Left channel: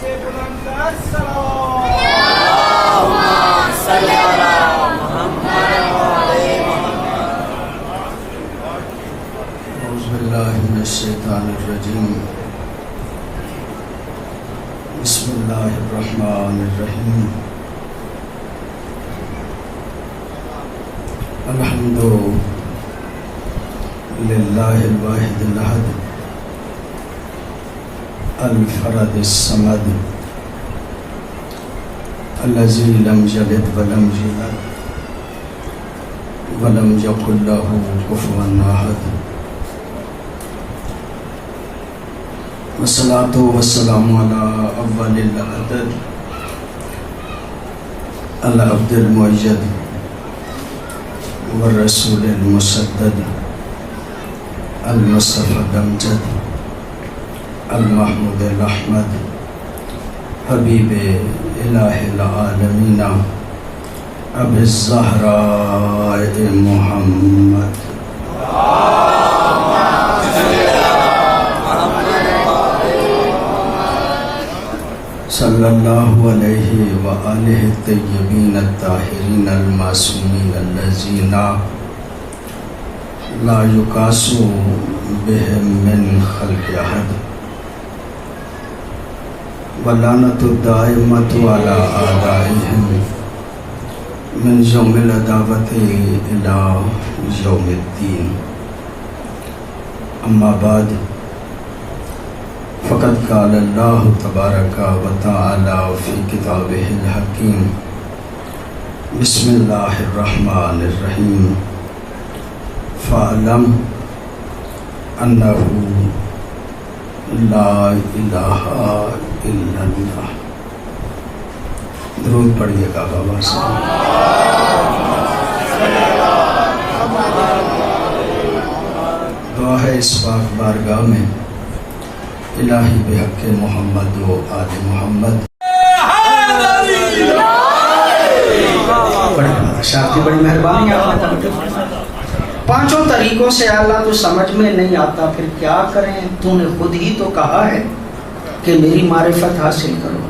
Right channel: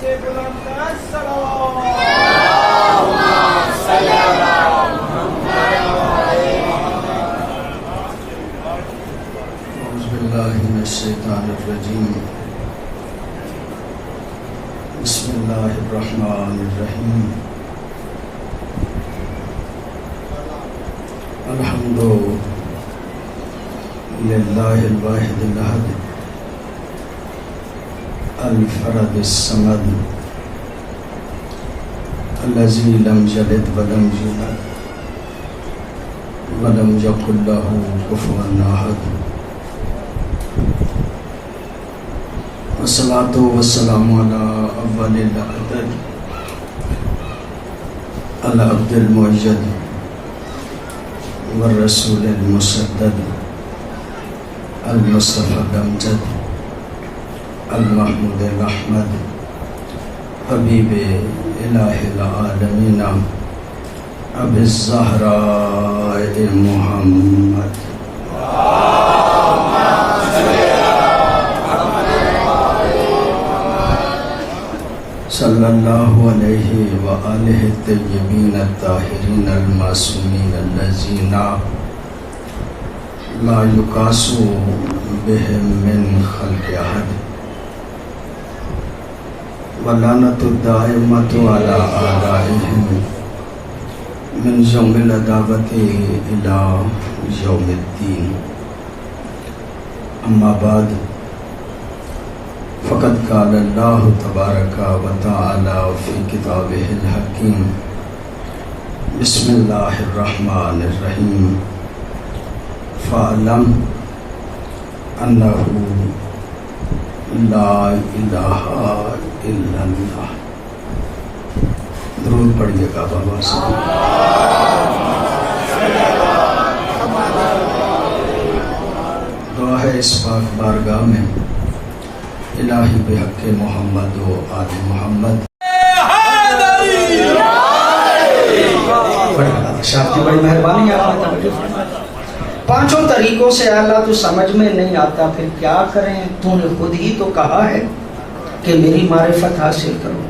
سے بلند صلوات صلی اللہ اعوذ باللہ من الشیطان الرجیم بسم اللہ الرحمن الرحیم الحمد للہ الواحد الاحد الفرد الصمد الذی لم یلد ولم یولد ولم یکن له کفوا احد والصلاة والسلام على اول العدد العبد المؤید والرسول المسدد المصطفى الامجد المحمود الاحمد حبیب الہ العالمین ابی الزہراء محمد صلی اللہ علیہ وآلہ الطیبین الطاہرین المعصومین الذین لا یقاس بهم من خلق احد ولعنۃ الدائمۃ علی اعدائهم من یوم العداوۃ الی یوم الدین اما بعد فقد قال اللہ تبارک و تعالی فی کتابہ الحکیم بسم اللہ الرحمن الرحیم فاعلم انہ لا الہ الا اللہ. درود پڑھیے گا بابا صاحب. دعا ہے اس پاک بارگاہ میں الہی بحق محمد و آل محمد. شاہ کی بڑی مہربانی ہے. پانچوں طریقوں سے اللہ تو سمجھ میں نہیں آتا پھر کیا کریں؟ تو نے خود ہی تو کہا ہے کہ میری معرفت حاصل کرو.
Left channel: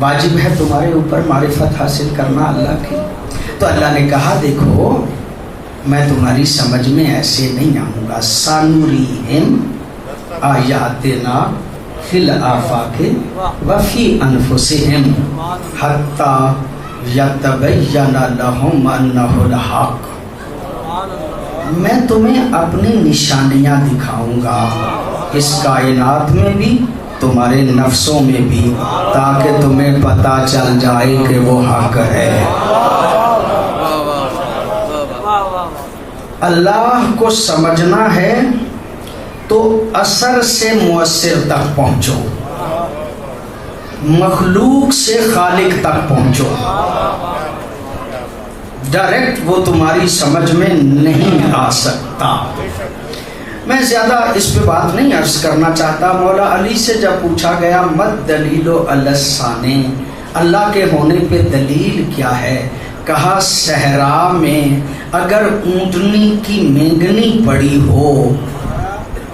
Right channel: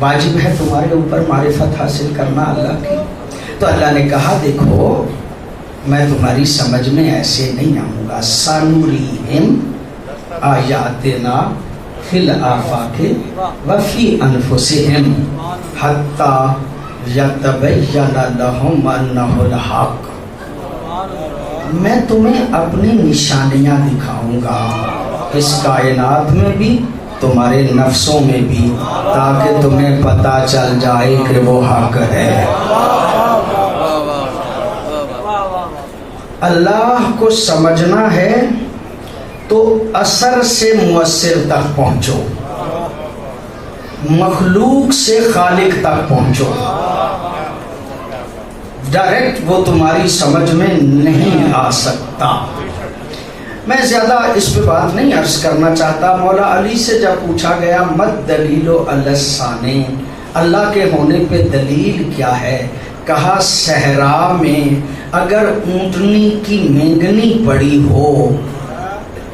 واجب ہے تمہارے اوپر معرفت حاصل کرنا اللہ کی. تو اللہ نے کہا دیکھو میں تمہاری سمجھ میں ایسے نہیں آؤں گا. سنوریہم آیاتنا فی الآفاق وفی انفسہم حتی یتبین لہم انہ الحق. میں تمہیں اپنی نشانیاں دکھاؤں گا اس کائنات میں بھی تمہارے نفسوں میں بھی تاکہ تمہیں پتہ چل جائے کہ وہ حق ہے. اللہ کو سمجھنا ہے تو اثر سے مؤثر تک پہنچو, مخلوق سے خالق تک پہنچو. ڈائریکٹ وہ تمہاری سمجھ میں نہیں آ سکتا. میں زیادہ اس پہ بات نہیں عرض کرنا چاہتا. مولا علی سے جب پوچھا گیا مت دلیل علی الثانی, اللہ کے ہونے پہ دلیل کیا ہے؟ کہا صحرا میں اگر اونٹنی کی مینگنی پڑی ہو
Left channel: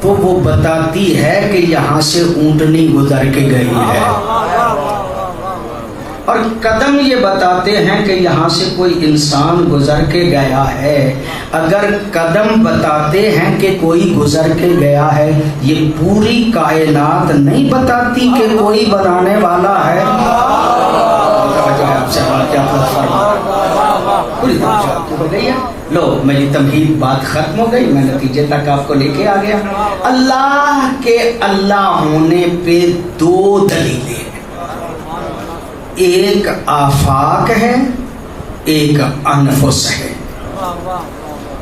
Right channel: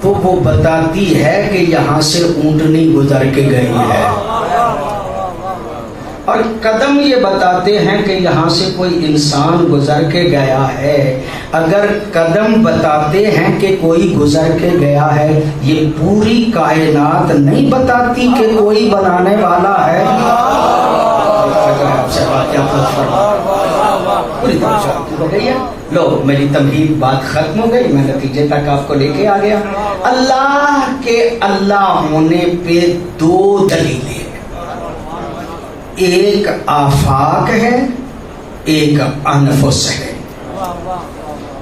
تو وہ بتاتی ہے کہ یہاں سے اونٹنی گزر کے گئی ہے, اور قدم یہ بتاتے ہیں کہ یہاں سے کوئی انسان گزر کے گیا ہے. اگر قدم بتاتے ہیں کہ کوئی گزر کے گیا ہے, یہ پوری کائنات نہیں بتاتی کہ کوئی بنانے والا ہے. لو میری تمہید بات ختم ہو گئی, میں نتیجے تک آپ کو لے کے آ گیا. اللہ کے اللہ ہونے پہ دو دلیلیں, ایک آفاق ہے ایک انفس ہے.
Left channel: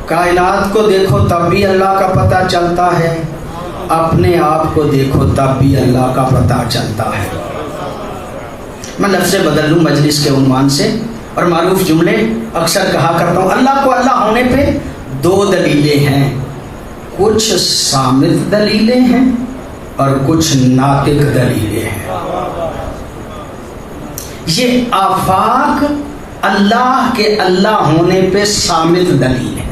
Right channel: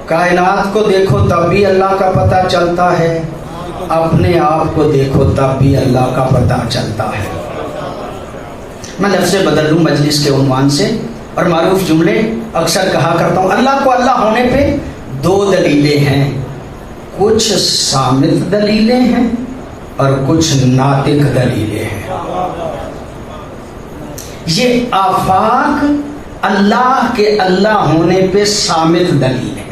کائنات کو دیکھو تب بھی اللہ کا پتہ چلتا ہے, اپنے آپ کو دیکھو تب بھی اللہ کا پتہ چلتا ہے. میں لفظ بدل لوں مجلس کے عنوان سے, اور معروف جملے اکثر کہا کرتا ہوں. اللہ کو اللہ ہونے پہ دو دلیلیں ہیں, کچھ صامت دلیلیں ہیں اور کچھ ناطق دلیلیں ہیں. یہ آفاق اللہ کے اللہ ہونے پہ صامت دلیل ہے,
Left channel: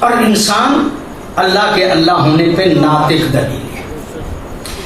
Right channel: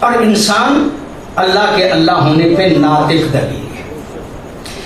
اور انسان اللہ کے اللہ ہونے پہ ناطق دلیل ہے.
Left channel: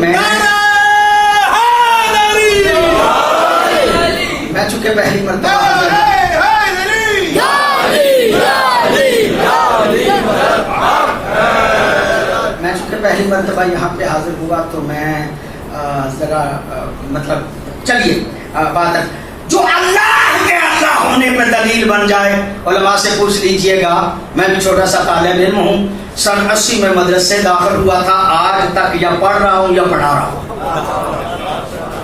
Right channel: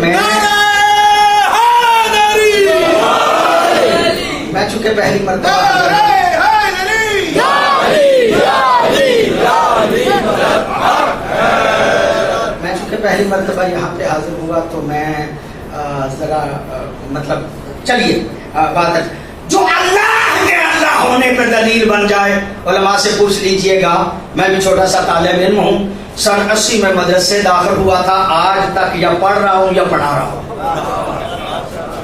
میں چونکہ پہلی مرتبہ یہاں پہ حاضر ہوا تو میں ذرا مطلب چلیے بات جو اللہ کے اللہ ہونے پہ دلیل بن جائے علماء سے پوچھ لیجئے گا. میں بھی چھوٹا سا طالب علم ہوں, سن 80 میں مدرسے داخل ہوا تھا, آج تک یا پڑھ رہا ہوں یا پڑھا رہا ہوں.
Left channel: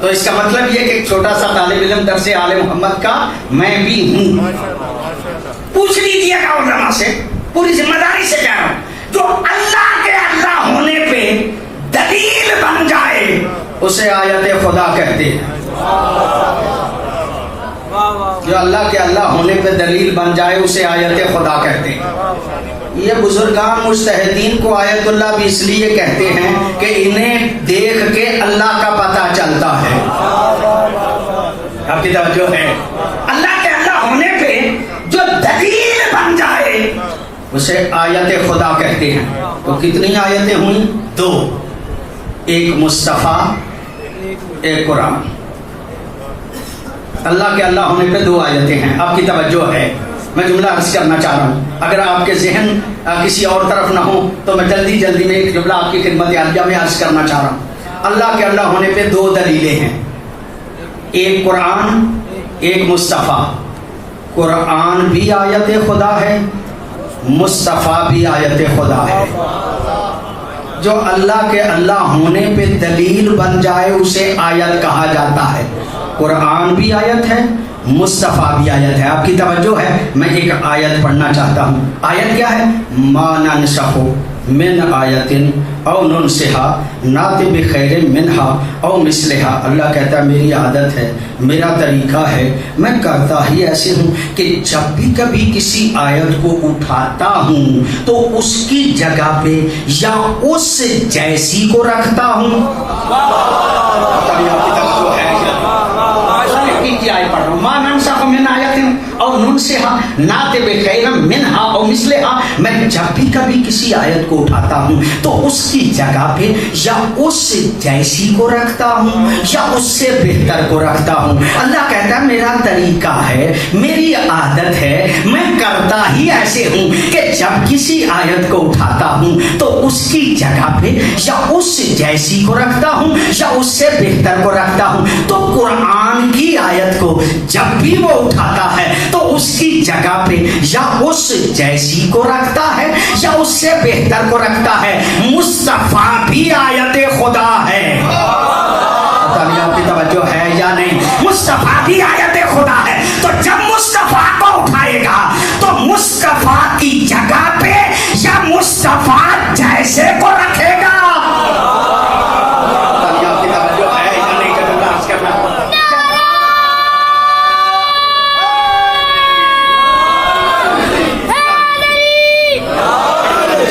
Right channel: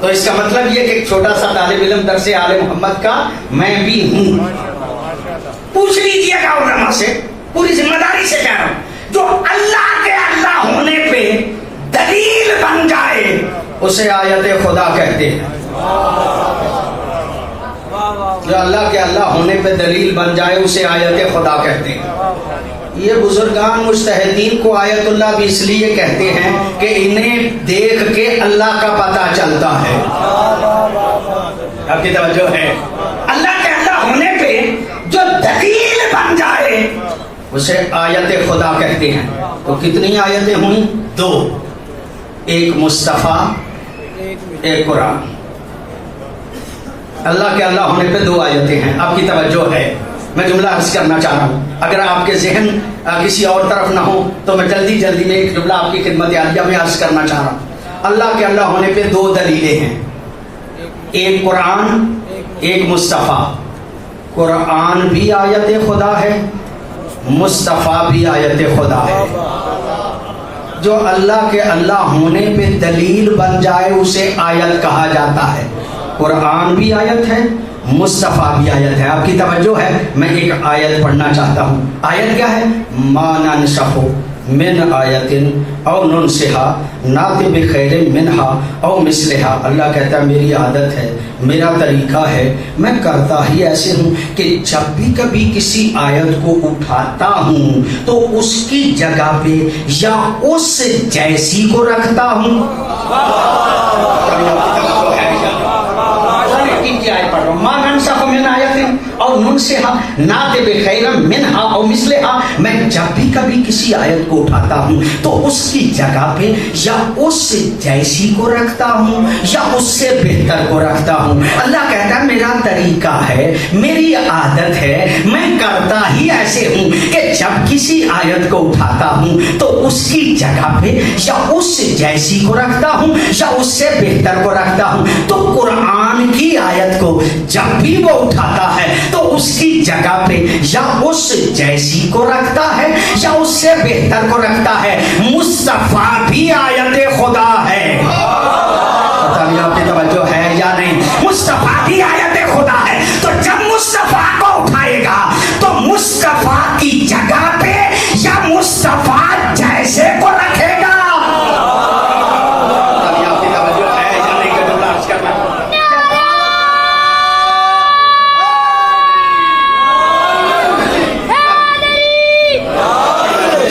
تو اس کا مطلب یہ کہ ایک چھوٹا سا طالب علم درس آل محمد کا میں بھی ہوں. پوچھ لیجئے گا علماء سے, پوری ذمہ داری سے کہہ رہا ہوں, جو اللہ کے اللہ ہونے پہ دلیل بن جائے اسے آیت خدا کہتے ہیں. جو اللہ کے اللہ ہونے پہ دلیل بن جائے اسے آیت خدا کہتے ہیں. یہ بزرگان مجتہدین کو آیت اللہ بھی اس لیے کہتے ہیں کہ انہیں دیکھ کے اللہ کا پتہ چلتا ہے. آپ کی توجہ ہے, اللہ کے اللہ ہونے پہ جو دلیل بن جائے اسے آیت خدا کہتے ہیں. تو کتنی آیتیں ہوئیں؟ 2, ایک مصطفیٰ ایک قرآن. اللہ کے اللہ ہونے پہ 2 آیتیں ہیں. آپ کی توجہ ہے, میں جملہ عرض کرنا چاہ رہا ہوں, اگر آپ کے ذہن کسی اور طرف نہ ہو تو میں جلدی میں ایک جملہ آپ کی خدمت عالیہ میں عرض کرنا چاہ رہا ہوں. اللہ کے اللہ ہونے پہ 2 دلیلیں ہیں, ایک قرآن ایک مصطفیٰ. قرآن بھی آیت خدا ہے, مصطفیٰ بھی آیت خدا ہے. جو اللہ کے اللہ ہونے پہ دلیل بن جائے اسے آیت کہا جاتا ہے. قرآن بھی آیت ہے, مصطفیٰ بھی آیت ہے. آپ کی توجہ ہے, میں ایک آیت پڑھنا چاہتا ہوں. آیت کیا ہے؟ ما ننسخ من آیت او ننسها نأتی بخیر منها او مثلها. اللہ کہتا ہے میری عادت ہے, میرا طریقہ ہے, میں کرتا ہی ایسے ہوں کہ جب بھی کبھی کسی آیت کو اٹھاتا ہوں تو اس کی جگہ پہ یا اس جیسی کو رکھتا ہوں. ما ننسخ من آیت او ننسها نأتی بخیر منها او مثلها. میں جب بھی کبھی کسی آیت کو اٹھاتا ہوں تو اس کی جگہ پہ یا اس جیسی کو رکھتا ہوں یا اس سے بہتر کو رکھتا ہوں. اللہ کہتا ہے میرا طریقہ ہے, میری عادت ہے, میں کرتا ہی ایسے ہوں کہ جب کسی آیت کو اٹھاتا ہوں تو اس کی جگہ پہ یا اس جیسی کو رکھتا ہوں یا اس سے بہتر کو رکھتا ہوں. تو قرآن کی آیت کو جب بھی وہ اٹھاتا ہے تو اس کی جگہ پہ یا اس جیسی کو رکھتا ہے یا اس سے بہتر کو رکھتا ہے. مصطفیٰ بھی آیت خدا ہے. پتہ نہیں آپ کی توجہ ہے یا نہیں. مصطفیٰ بھی آیت خدا ہے. تو جب مصطفیٰ کو اٹھائے گا تو مصطفیٰ کی جگہ پہ یا مصطفیٰ جیسے کو رکھے گا. آپ کی توجہ ہے یا نہیں کہ جملہ عرض کرنا.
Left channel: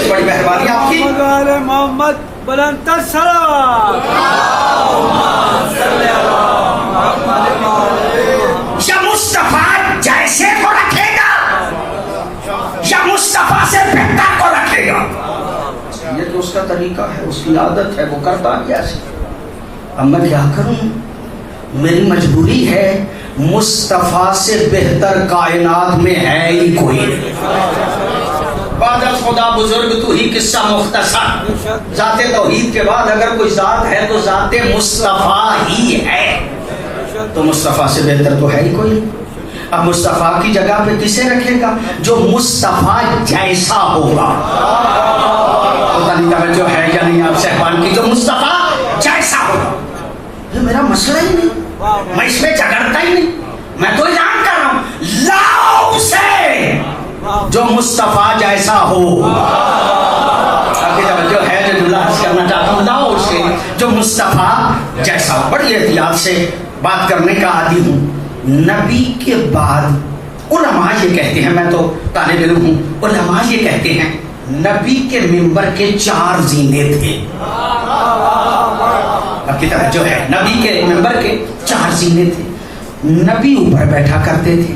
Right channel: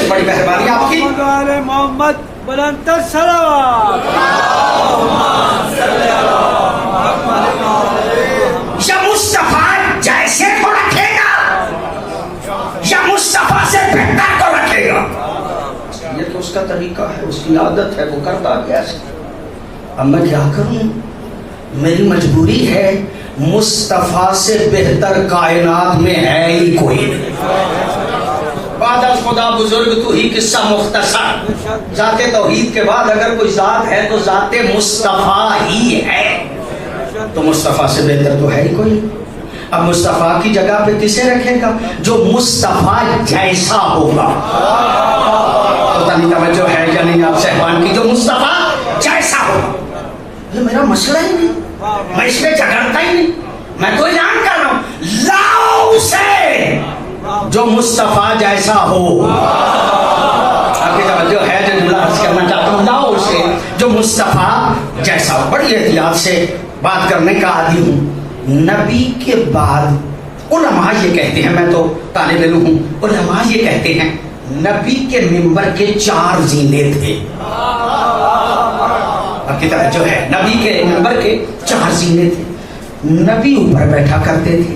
بڑی مہربانی آپ کی. محمد بلند السلام. یا مصطفیٰ جیسے کو رکھے گا یا مصطفیٰ سے بہتر کو رکھے گا. یہ تو اس کا طریقہ ہے, اس کی عادت ہے, وہ کرتا کیا ہے. اب میں کیا کروں, میری مجبوری ہے. مصطفیٰ سے بہتر کائنات میں ہے ہی کوئی نہیں. بعد از خدا بزرگ تو ہی قصہ مختصر. ذات توحید کے بعد اگر کوئی ذات ہے تو ذات مصطفیٰ ہی ہے. تو مصطفیٰ سے بہتر تو ہے ہی کوئی. اب مصطفیٰ کی جگہ پہ کسے رکھے گا؟ جو مصطفیٰ جیسا ہوگا. پتہ نہیں توجہ ہے یا نہیں آپ صاحبان کی. جو مصطفیٰ جیسا ہوگا. یہ میرا مسئلہ ہی نہیں, میں اس میں جھگڑتا ہی نہیں. میں تو اعلان کر رہا ہوں, لاؤ اسے جو مصطفیٰ جیسا ہو. آپ کی توجہ ہے جو جملہ عرض کرنا چاہتا ہوں, لاؤ اسے جو مصطفیٰ جیسا ہو. بڑی احتیاط سے بات کرنے کا عادی ہوں. نبی کے بعد علماء یہ کہتے ہیں, میں تو طالب علم ہوں, علماء یہ کہتے ہیں نبی کے منبر کے 4 زینے تھے. آپ کی توجہ ہے, نبی کے منبر کے 4 زینے تھے. نبی اوپر بیٹھا کرتے تھے,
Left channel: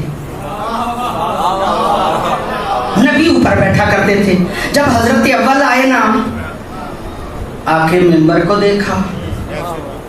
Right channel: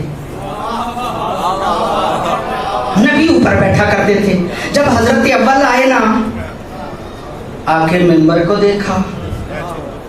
نبی اوپر بیٹھا کرتے تھے. جب حضرت اول آئے نا, آ کے منبر کو دیکھا,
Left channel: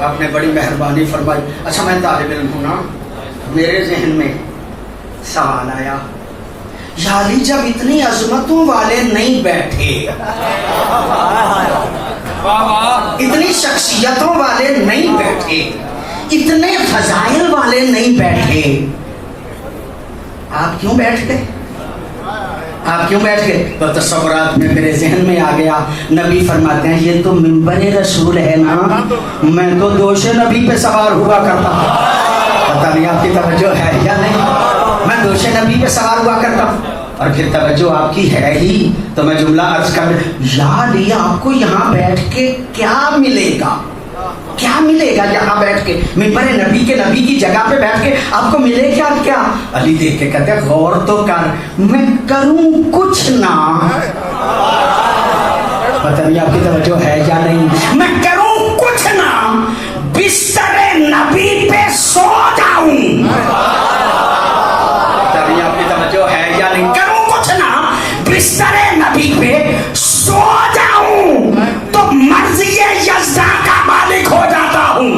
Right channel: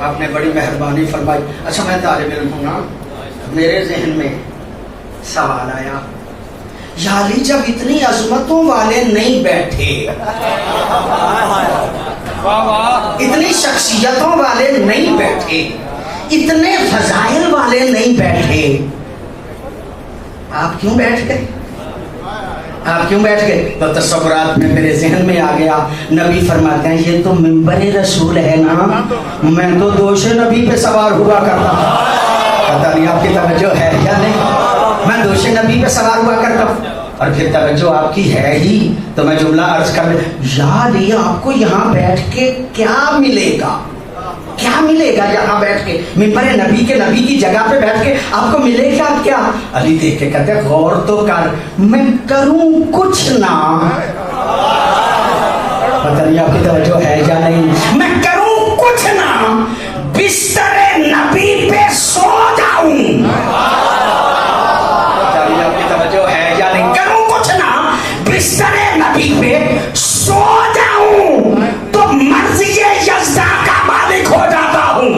آپ نے بڑی مہربانی فرمائی. اچھا میں طالب علم ہوں نا, میرے ذہن میں سوال آیا, یا علی جب اتنی عظمتوں والے نہیں بیٹھے, اتنی شخصیتوں والے نہیں بیٹھے, اتنے فضائل والے نہیں بیٹھے, آپ کیوں بیٹھ گئے؟ آپ کیوں بیٹھ گئے؟ تو تصورات میں میرے ذہن میں آ گیا, نبی فرماتے ہیں یہ تو منبر رسول ہے نا, میں تو دوش نبی پہ سوار ہوا کرتا ہوں. پتہ نہیں آپ کی توجہ ہے یا نہیں, میں دوش نبی پہ سوار ہوا کرتا ہوں. اور پھر توجہ آپ کی ہے ہی تو میں جملہ عرض کر, یاد یہ آپ کو یہاں بیٹھ کے کیا ملے گا؟ کیا ملے گا یہاں بیٹھ کے منبر نبی کے نبی کی جگہ پہ بیٹھ کے آپ کو ملے گا کیا؟ علی دیکھ کے کہتے ہیں غور تو کر, میں کروں کچھ نہ, پتہ نہیں آپ کی توجہ ہے یا نہیں, میں کروں کچھ نہ, بستر نبی پہ سو جاؤں, پتہ نہیں آپ کی توجہ ہے یا نہیں, کروں کچھ نہ, بستر نبی پہ سو جاؤں تو مرضی یزداں کا مالک ہو جاتا ہوں.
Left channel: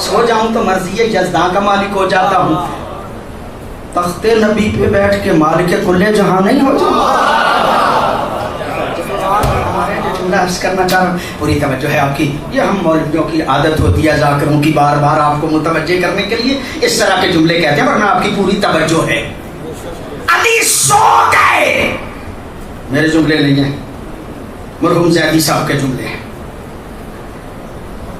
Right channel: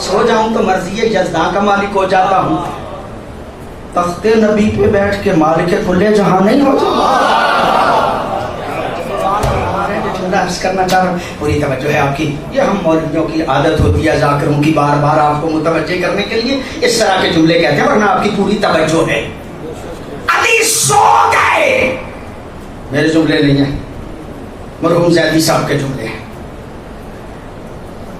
سو جاؤں تو مرضی یزداں کا مالک ہو جاتا ہوں, تخت نبی پہ بیٹھ کے مالک کل جہاں نہیں ہو جاتا. کرنا چاہ رہا ہوں, پوری توجہ ہے آپ کی. یہ ہم مولویوں کی عادت ہوتی ہے ذاکروں کی بار بار آپ کو متوجہ کرنے کے لیے اس طرح کے جملے کہتے ہیں, ورنہ آپ کی پوری توجہ ہے. علی سو گئے, میرے جملے نہیں ہیں, مرحوم زیدی صاحب کے جملے ہیں.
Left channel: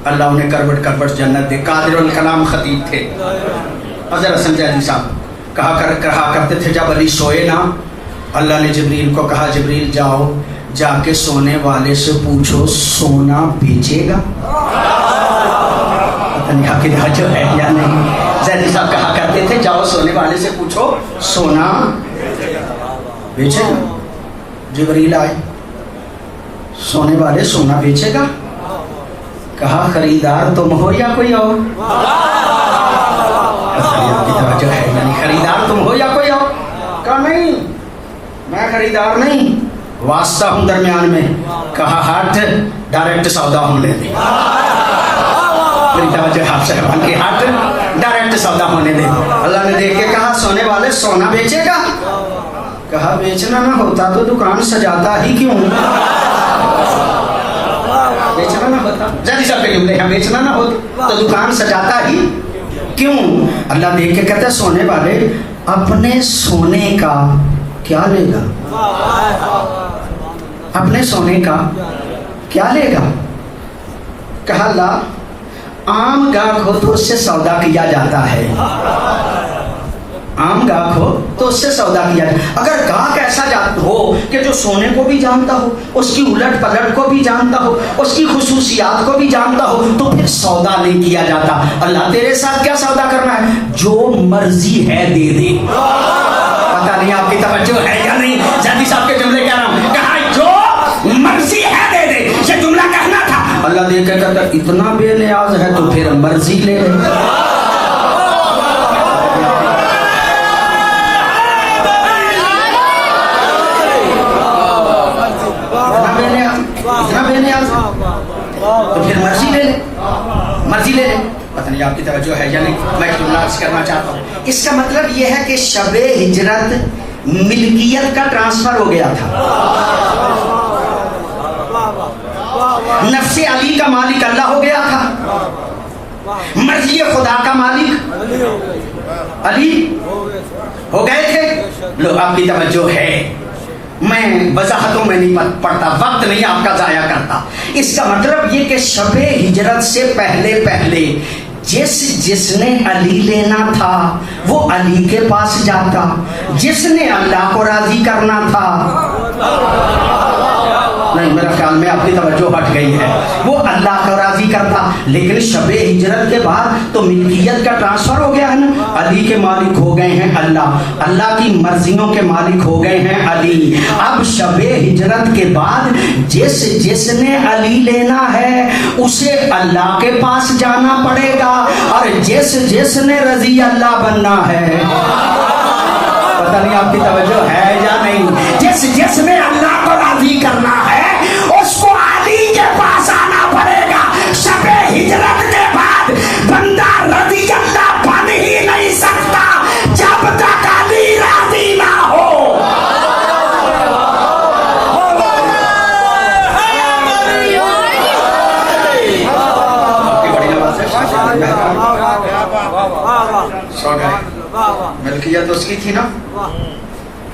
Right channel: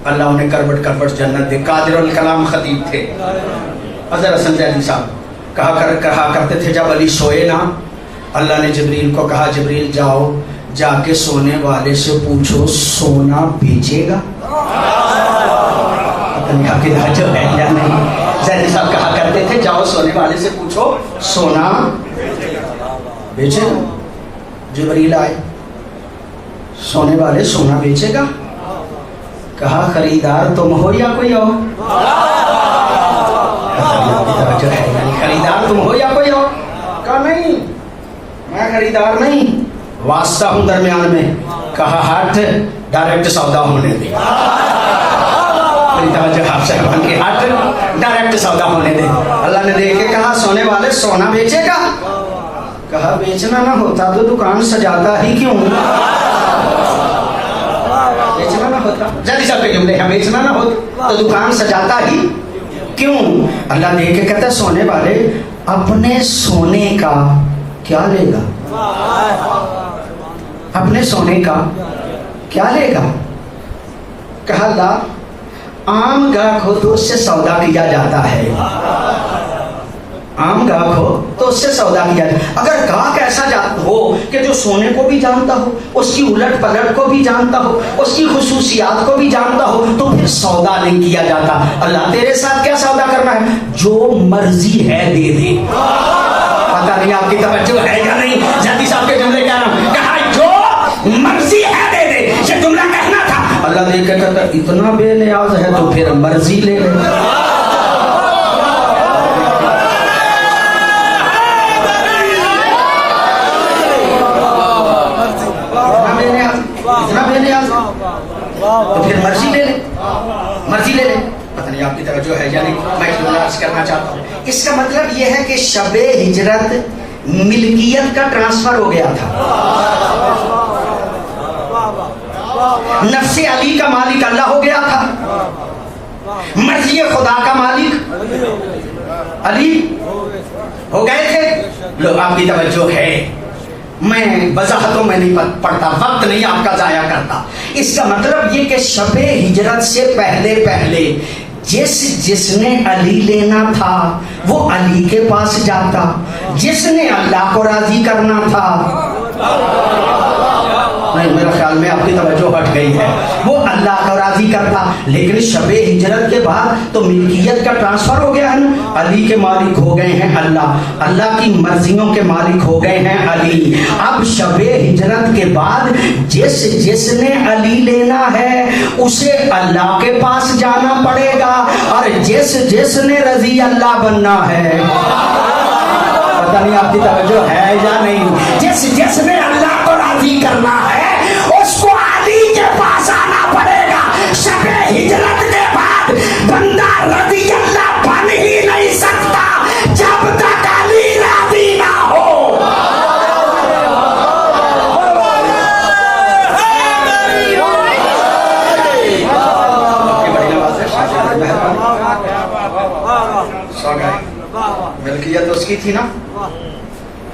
اللہ انہیں کروٹ کروٹ جنت دے, قادر الکلام خطیب تھے. اظہر حسن زیدی صاحب کہا کرتے تھے جب علی سوئے نا, اللہ نے جبریل کو کہا, جبریل جاؤ جا کے سونے والے سے پوچھو سونا بیچے گا. جو ہے یا نہیں, زیدی صاحب کہا کرتے تھے جاؤ سونے والے سے پوچھو سونا بیچے گا. جبریل آئے, سونے والے سونا بیچے گا, کہا خریدار تم ہو یا کوئی اور؟ خریدار تم ہو یا کوئی اور؟ کہا نہیں میں خریدار نہیں, واسطہ ہوں درمیان میں. کہا ہٹ, ڈائریکٹ سودا ہونے دے. صاحبان کے ہٹ ڈائریکٹ سودا ہونے دے. اللہ نے دیکھ کے کہا سونے والے سونا بیچے گا. کہا بیچنا نہ ہوتا تو دکان سجاتا ہی کیوں؟ بیچنا نہ ہوتا, جلدی صاحب کے جملے ہیں, بیچنا نہ ہوتا تو دکان سجاتا ہی کیوں؟ اللہ دیکھ کے کہتا ہے سونے والے اپنے سونے کا کیا لے گا؟ اپنے سونے کا کیا لے گا؟ کہا لا, عام گاہک ہو تو اس سے سودا کیا جاتا ہے. عام گاہک ہو تو اس سے سودا کیا جاتا ہے. اگر گاہک ایسا ہو کہ جو سونے کو بھی جانتا ہو, اس کی الٹ پلٹ کو بھی جانتا ہو, اس کی خصوصیات کو بھی جانتا ہو, تو پھر سودا نہیں کیا جاتا. اللہ تیرے ساتھ کیا سودا کرنا ہے؟ جو مرضی ہے دے دے. پتہ نہیں آپ کی توجہ ہے یا نہیں, جادی صاحب کے جملے کہہ رہا ہوں, کہا جو مرضی ہے دے دے, یہ جملہ کہنا تھا. اللہ دیکھ کر کہتا اتنا بے نیاز ہے تو پھر مرضی لے لے. اتنا بے نیاز تو پھر مرضی لے لے, مرضی لے لے. پتہ نہیں آپ کی توجہ ہے یا نہیں, میں جملہ عرض کرنا چاہتا ہوں. اس کا مطلب یہ ہے کہ شب ہجرت ملکیت کا ٹرانسفر ہو گیا تھا. نفس علی کا مالک اللہ ہو گیا تھا, مرضی خدا کا مالک علی ہو گئے تھے. لوگ آپ کی توجہ ہے, میں وضاحتوں میں نہیں پڑھتا, وقت نہیں آپ کا ضائع کرتا. اس کا مطلب یہ کہ شب ہجرت سے پہلے پہلے جس نے علی لینا تھا وہ علی کے پاس جاتا, جس نے اللہ کو راضی کرنا تھا, نہیں میرا خیال میں آپ کی توجہ ہٹ گئی ہے, وہ اللہ کو راضی راضی کرتا, لیکن شب ہجرت کے بعد تو ملکیت کا ٹرانسفر ہو گیا ہے نا, علی کے مالک ہو گئے ہیں اللہ, اللہ کی مرضیوں کے مالک ہو گئے ہیں علی. اب شب ہجرت کے بعد جس نے علی لینا ہے اسے اللہ کے پاس جانا پڑے گا, اور جس نے رضی اللہ بننا ہے, پتہ نہیں آپ کی توجہ ہے یا نہیں, جس نے اللہ کو راضی کرنا ہے اس کو علی کے پاس آنا پڑے گا. شب ہجرت کے بعد بندہ رضی اللہ بن ہی نہیں سکتا جب تک علی راضی نہ ہو. ملکیت اس کی تھی نا,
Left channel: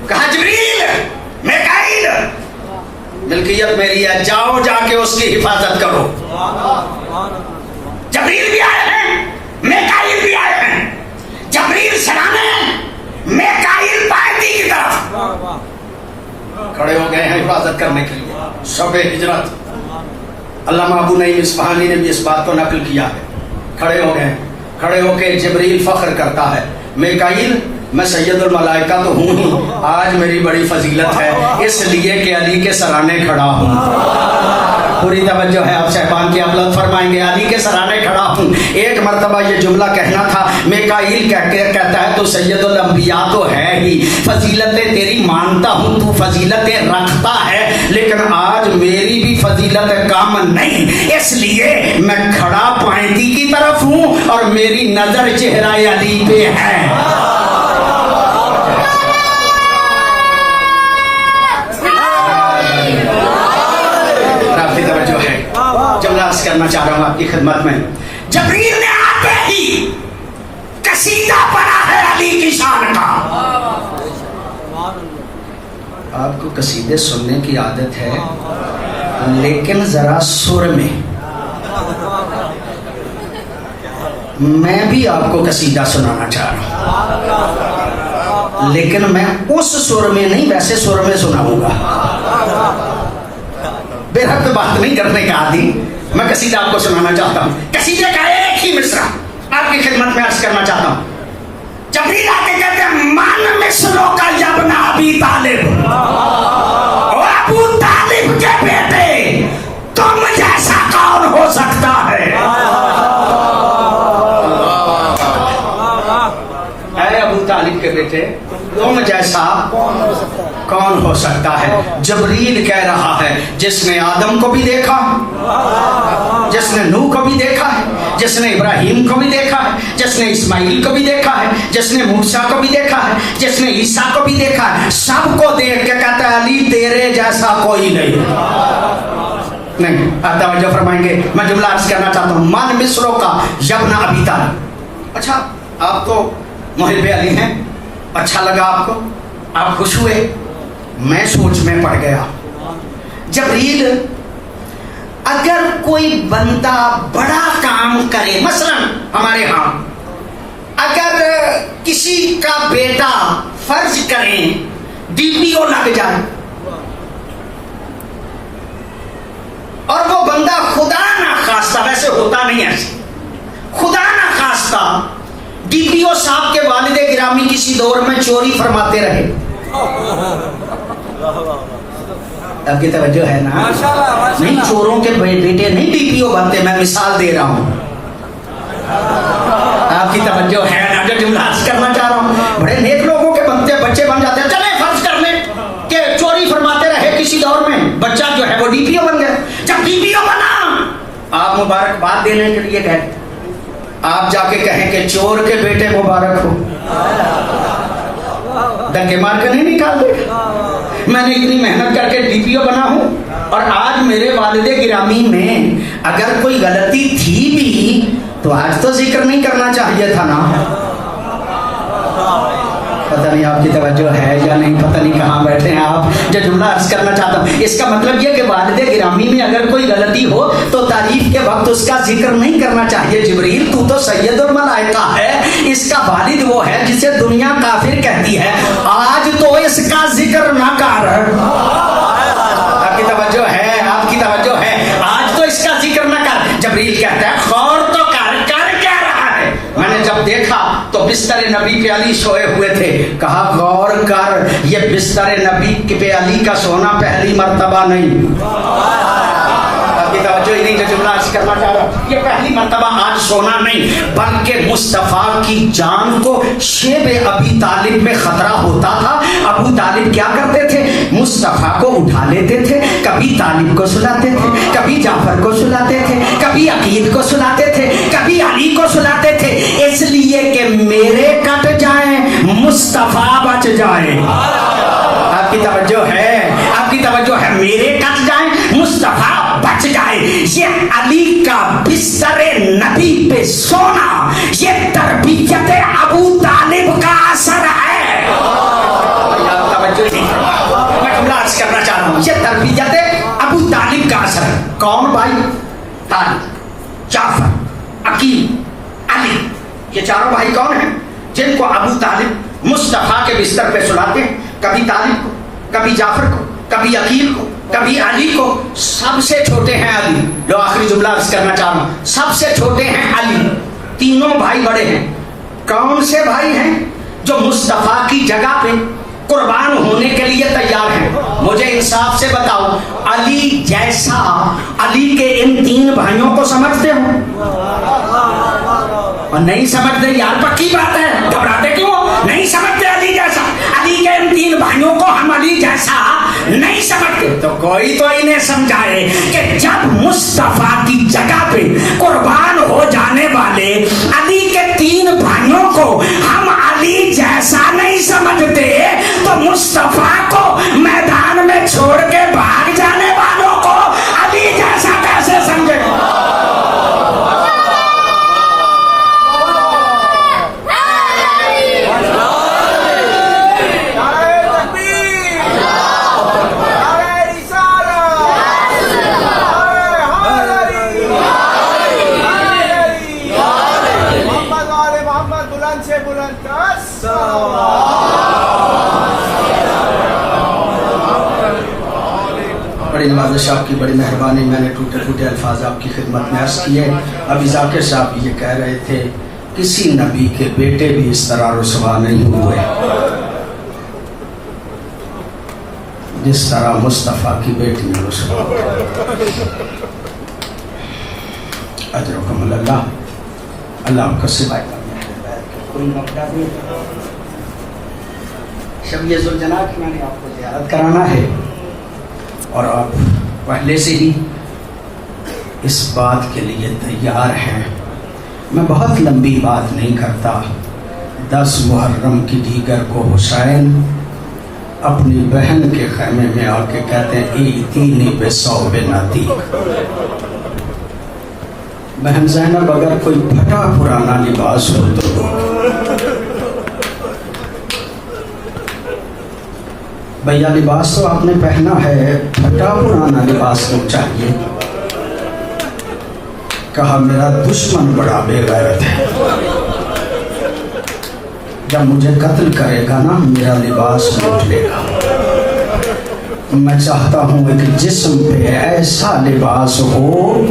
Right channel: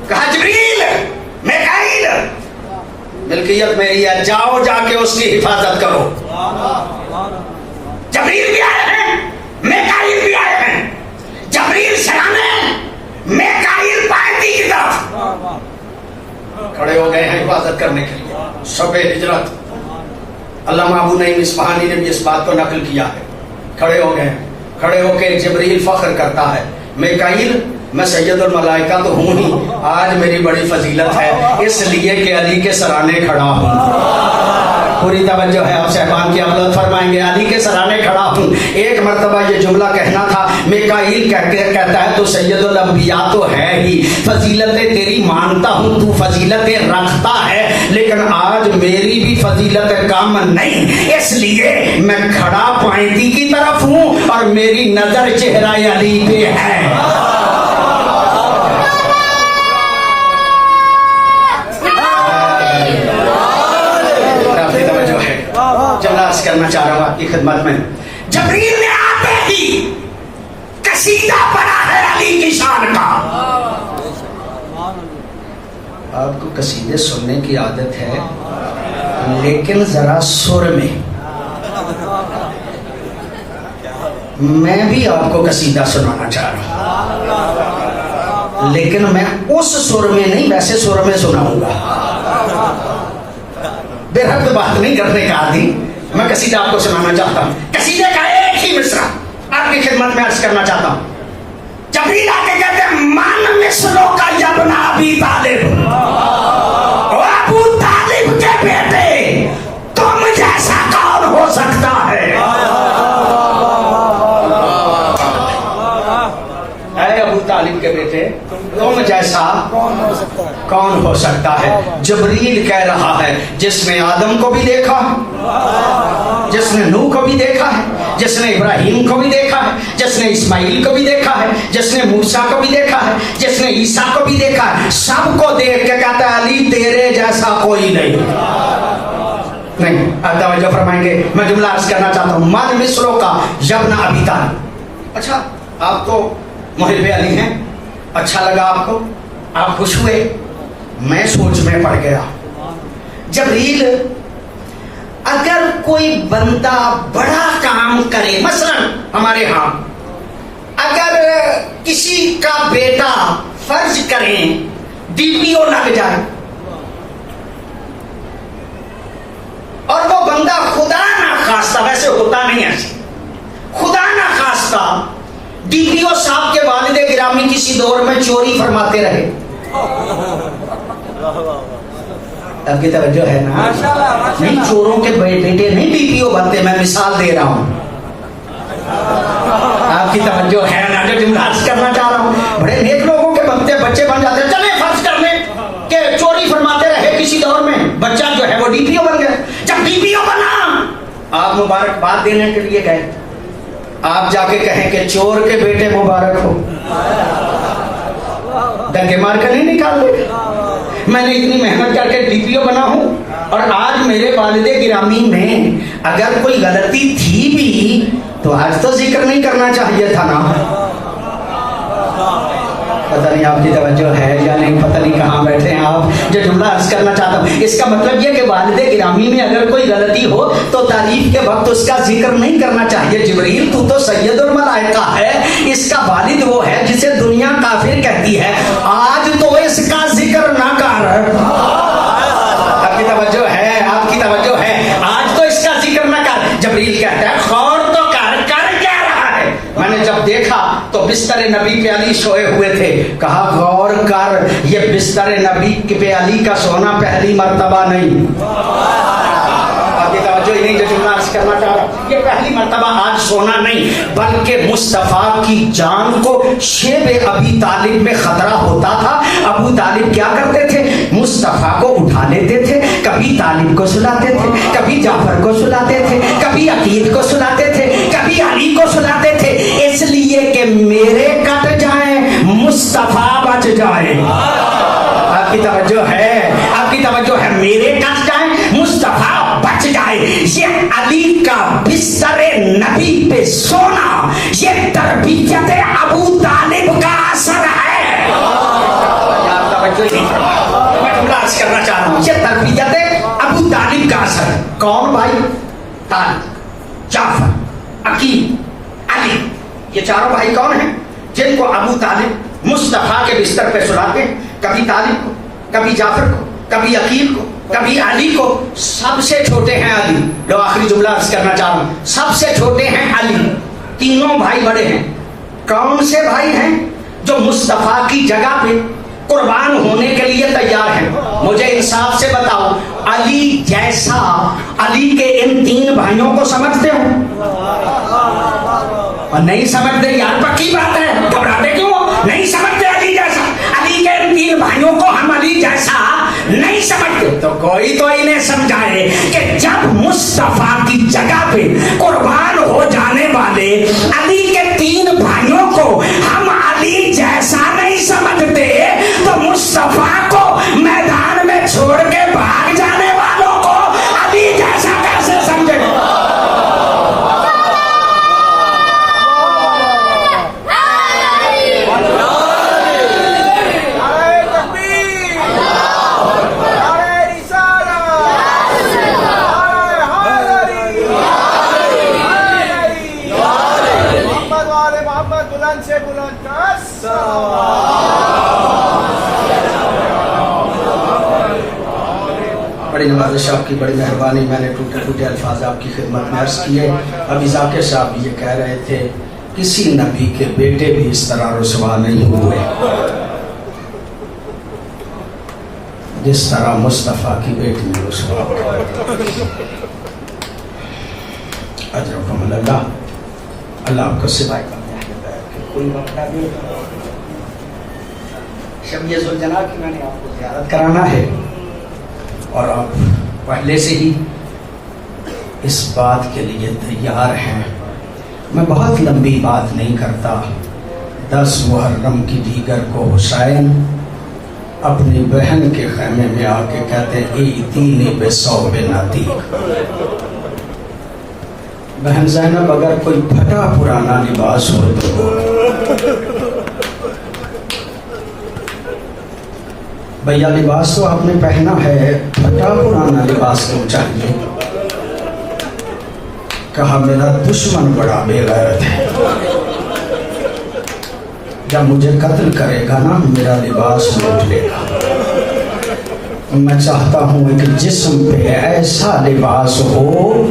کہا جبریل میکائیل ملکیت میری ہے, جاؤ جا کے اس کی حفاظت کرو. جبریل بھی آئے ہیں, میکائیل بھی آئے ہیں. جبریل سرانے, میکائیل پائیدی کی طرف کھڑے ہو گئے ہیں حفاظت کرنے کے لیے. شب ہجرت علامہ ابو نعیم اصفہانی نے بھی اس بات کو نقل کیا ہے. کھڑے ہو گئے, کھڑے ہو کے جبریل فخر کرتا ہے, میکائیل میں سید الملائکہ تو ہوں ہی, آج میری بڑی فضیلت ہے اس لیے کہ علی کے سرانے کھڑا ہوں. پوری توجہ ہے آپ صاحبان کی, اولاد فرمائیں گے علی کے سرانے کھڑا ہوں. ایک مرتبہ یہ جملہ کہنا تھا, میکائیل کہتا ہے تو سید الانبیاء تو ہے ہی, فضیلتیں تیری مانتا ہوں, تو فضیلتیں رکھتا ہے, لیکن آج میری بھی فضیلت کم نہیں, اس لیے میں کھڑا پائیدی کی طرف ہوں اور میری نظر چہرہ علی پہ ہے. جملہ عرض کرنا چاہ رہا ہوں آپ کی خدمت میں. جبریل نے آتے ہی قصیدہ پڑھا ہے علی کی شان کا. آپ کو قصیدے سننے کی عادت ہے, لیکن ذرا سر میں. میں بھی آپ کو قصیدہ سنانا چاہ رہا ہوں, لیکن میں اس سر میں نہیں, ویسے سر میں سناؤں گا. بے حد بات نہیں کرنے کا عادی, میں قصیدہ آپ کو سنانا چاہتا ہوں. قصیدے کا ایک ہی مصرع آپ کی خدمت میں عرض کرنا چاہتا ہوں. جبریل آ کے کہتے ہیں, من مصروں کا ابن ابی طالب, ابو طالب کے بیٹے تم جیسا کون ہو سکتا ہے. اے ابو طالب کے بیٹے تم جیسا کون ہو سکتا ہے. جبریل کہہ رہا ہے, جس نے آدم کو بھی دیکھا, جس نے نوح کو بھی دیکھا ہے, جس نے ابراہیم کو بھی دیکھا ہے, جس نے اسماعیل کو بھی دیکھا ہے, جس نے موسیٰ کو بھی دیکھا ہے, جس نے عیسیٰ کو بھی دیکھا ہے, سب کو دیکھ کے کہتا ہے علی تیرے جیسا کوئی نہیں. آپ توجہ فرمائیں گے, میں جملہ عرض کرنا چاہتا ہوں. من مصروں کا ابن ابی طالب. اچھا آپ تو محب علی ہیں, اچھا لگا آپ کو, آپ خوش ہوئے, میں سوچ میں پڑ گیا. جبریل اگر کوئی بندہ بڑا کام کرے, مثلا ہمارے ہاں اگر کسی کا بیٹا فرض کریں ڈی پی او لگ جائے, اور وہ بندہ خدا نہ خواستہ, ویسے ہوتا نہیں ایسے, خدا نہ خواستہ ڈی پی او صاحب کے والد گرامی کسی دور میں چوری فرماتے رہے. آپ کی توجہ ہے نا, نہیں چوروں کے بیٹے نہیں ڈی پی او بنتے, میں مثال دے رہا ہوں. آپ کی توجہ ہے نا, جو جملہ کرنا چاہ رہا ہوں. بڑے نیک لوگوں کے بنتے بچے بن جاتے ہیں. چلے فرض کر لیں کہ چوری فرماتے رہے کسی دور میں, بچہ جو ہے وہ ڈی پی او بن گیا. جب ڈی پی او بنا, آپ مبارکباد دینے کے لیے گئے, آپ جا کے کہیں کہ چور کے بیٹے مبارک ہو, دنگے مار کر نہیں نکال دے. میں نے اتنی محنت کر کے ڈی پی او بنا ہوں, اور آج میرے والد گرامی میں اگر کوئی غلطی تھی بھی تو آج تو ذکر نہیں کرنا چاہیے تھا نا. پتہ نہیں آپ کی توجہ ہے یا نہیں, پتہ نہیں کہاں بیٹھے ہیں آپ. جو جملہ عرض کرنا چاہتا ہوں, اس کا مطلب یہ کہ والد گرامی میں اگر کوئی غلطی ہو تو تعریف کے وقت اس کا ذکر نہیں کرنا چاہیے. جبریل تو سید الملائکہ ہے, اس کا والد وہ ہے جسے دنیا کافر کہتی ہے, آج تو اس کا ذکر نہ کر. آپ کی توجہ ہے, آپ کی توجہ ہے, آج تو اس کا ذکر نہ کر. جبریل جب دیکھا تو بستر نبی پہ علی سوئے ہوئے تھے. کہا غور کر, یہ بستر نبی پہ علی کا سونا پہلی مرتبہ نہیں, آپ کی توجہ ہی نہیں جو جملہ عرض کرنا چاہ رہا, یہ پہلی مرتبہ آج سونا نہیں, بلکہ مصطفیٰ کی جان کو شیب ابی طالب میں خطرہ ہوتا تھا. ابو طالب کیا کرتے تھے, مصطفیٰ کو اٹھا لیتے تھے, کبھی طالب کو سلاتے تھے, کبھی جعفر کو سلاتے تھے, کبھی عقیل کو سلاتے تھے, کبھی علی کو سلاتے تھے, اس لیے کہ میرے کٹ جائیں مصطفیٰ بچ جائیں. آپ کی توجہ ہے, آپ کی توجہ ہے, میرے کٹ جائیں مصطفیٰ بچ جائے. یہ علی کا بستر نبی پہ سونا, یہ تربیت ابو طالب کا اثر ہے. میں جملہ عرض کرنا چاہ رہا ہوں, یہ تربیت ابو طالب کا اثر ہے. کون بھائی؟ طالب, جعفر, عقیل, علی. یہ چاروں بھائی کون ہیں جن کو ابو طالب مصطفیٰ کے بستر پہ سلاتے ہیں؟ کبھی طالب کو, کبھی جعفر کو, کبھی عقیل کو, کبھی علی کو. سب سے چھوٹے ہیں علی. لو آخری جملہ عرض کرنا چاہ رہا ہوں, سب سے چھوٹے ہیں علی. تینوں بھائی بڑے ہیں. کون سے بھائی ہیں جو مصطفیٰ کی جگہ پہ قربان ہونے کے لیے تیار ہیں؟ مجھے انصاف سے بتاؤ, علی جیسا علی کے ان تین بھائیوں کو سمجھتے ہو؟ نہیں سمجھتے یار, پکی بات ہے, گھبراتے کیوں ہو؟ نہیں سمجھتے علی جیسا. علی کے ان تین بھائیوں کو ہم علی جیسا نہیں سمجھتے, تو کوئی تو انہیں سمجھائے کہ جب مصطفیٰ کی جگہ پہ قربان ہو جانے والے علی کے تین بھائیوں کو ہم علی جیسا نہیں سمجھتے, تو مصطفیٰ کو میدان میں چھوڑ کے بھاگ جانے والوں کو علی جیسا کیسے سمجھے؟ بڑی نواز صاحب کی بڑی مہربانی, میں نے ٹوٹے ٹوٹے الفاظ آپ کی خدمت میں عرض کیے. ابھی ذاکر صاحب یہ کہہ رہے تھے کسی نبی کے بیٹے بھی اس طرح رسوا نہیں ہوئے جس طرح مصطفیٰ کی بیٹی میں رسوا ہوا. اجرکم اللہ, اللہ آپ کو سوائے کوئی موقع نہیں. شب یہ ذوالجلال کی میں نے آپ کو زیارت کرانا ہے, اور آپ پہلے سے ہی اس بات کے لیے تیار ہیں. میں بہت لمبی بات نہیں کرتا. 10 محرم کی دیگر کو حسین اپنی بہن کے خیمے میں آ کے کہتے ہیں ایتینی بصوب نطیق. بہن زینب اگر کوئی پھٹا پرانا لباس ہو تو بھیا لباس تو آپ نے پہنا ہے, پھٹا پرانا لباس کیوں چاہیے؟ کہا میرا دشمن بڑا بے غیرت ہے, جب مجھے قتل کرے گا نا میرا لباس لوٹ لے گا. میں چاہتا ہوں کہ جسم پہ ایسا لباس ہو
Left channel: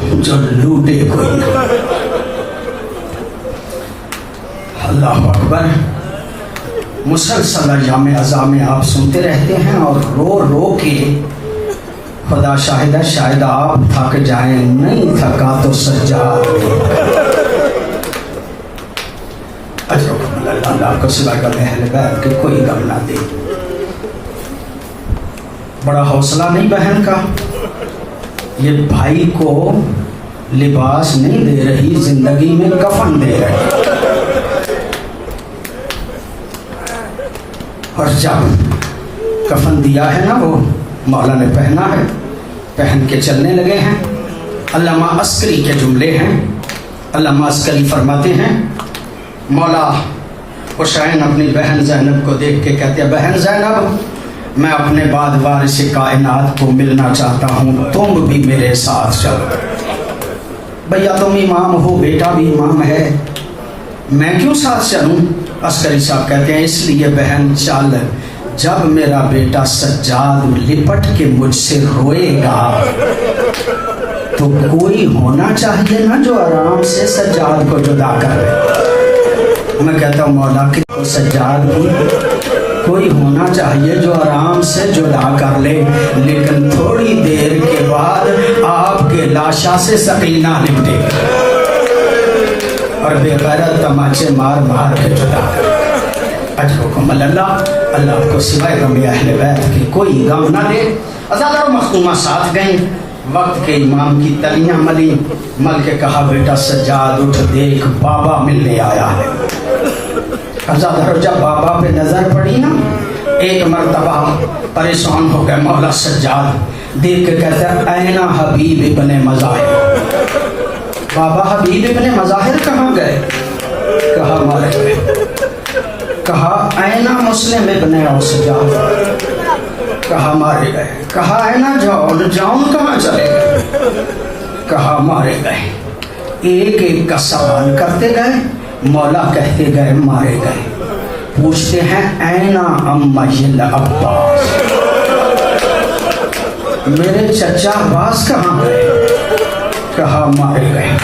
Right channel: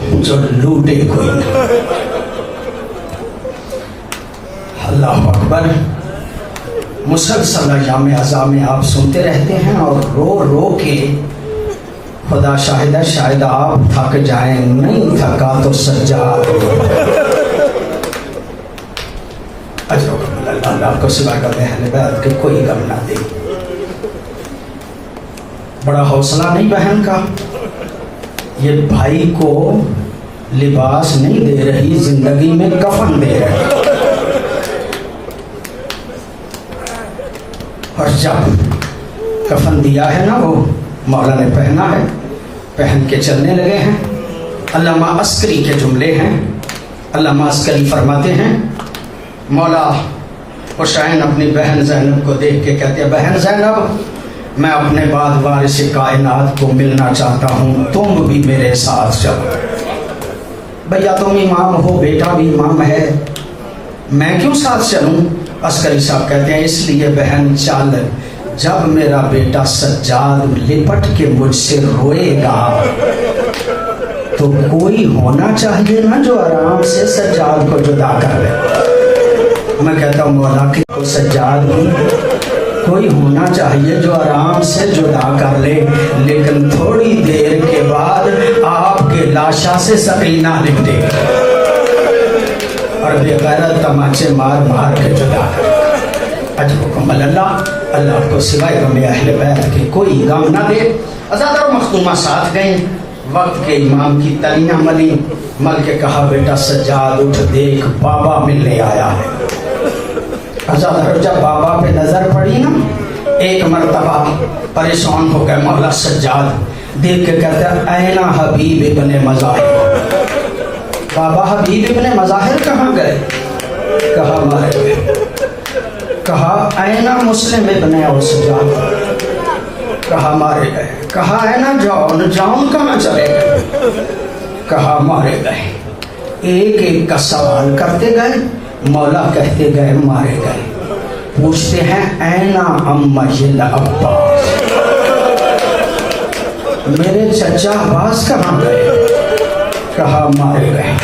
جو لوٹے کوئی نہ. اللہ اکبر. مسلسل ایام عزا میں آپ سنتے رہتے ہیں اور رو رو کے خدا شاہدہ شاید آپ تھک جائیں, نہیں تھکا تو سجاد. اللہ کو سلا کر اہل بیت کے کوئی غم نہ دے. بڑا حوصلہ نہیں بہن کا, یہ بھائی کو لباس نہیں دے رہی, زندگی میں کفن دے رہی. اور جب کفن دیا ہے نا وہ مولا نے پہنا ہے, پہن کے چلنے لگے ہیں. علامہ عسکری کے جملے ہیں. علامہ عسکری فرماتے ہیں مولا حسین اپنی بہن زینب کو دیکھ کے کہتے ہیں بہن زینب میں اپنے بعد وارث کائنات کو ملنا چاہتا ہوں, تم بھی میرے ساتھ چلو. بھیا تم امام ہو, بیٹا بھی امام ہے, میں کیوں ساتھ چلوں؟ عسکری صاحب کہتے ہیں اس لیے بہن چل, جب میرا بیٹا سجاد لپٹ کے مجھ سے روئے گا تو کوئی ہونا چاہیے نا جو آرام سے سجاد کو جدا کر لے۔ میں کہتا ہوں مولا کہ وہ سجاد بھی کوئی ہونا چاہیے جو آرام سے جدا کر لے، لیکن تھوڑی دیر کے بعد آپ کے لاشا سے سکینہ نکلے گی اور بے غیرت تماچے مار مار کے جدا کر۔ اجر حکم اللہ کو سوائے غم اہل بیت کے کوئی غم نہ دے۔ آزاد اور مختومہ ساتھ گئے، وقت کے امام کی تلیاں ملی، مل کے کہا بیٹا سجاد اٹھ دیکھ بابا ملنے آیا ہے۔ جب بابا پہ نظر پڑی نا ایک مرتبہ پریشان ہو گئے مولا سجاد، دیکھ کے کہتا ہے اینا حبیب ابن مظاہر، بابا حبیب ابن مظاہر کہاں گئے؟ کہا مارے گئے۔ کہا اینا مسلم ابن اوسجاد، کہا مارے گئے۔ کہا اینا جاؤن کہاں چلے گئے؟ کہا مارے گئے۔ ایک ایک کا سوال کرتے گئے، مولا کہتے گئے مارے گئے۔ پوچھتے ہیں اینا امیل عباس، میرے چچا عباس کہاں گئے؟ کہا مارے گئے۔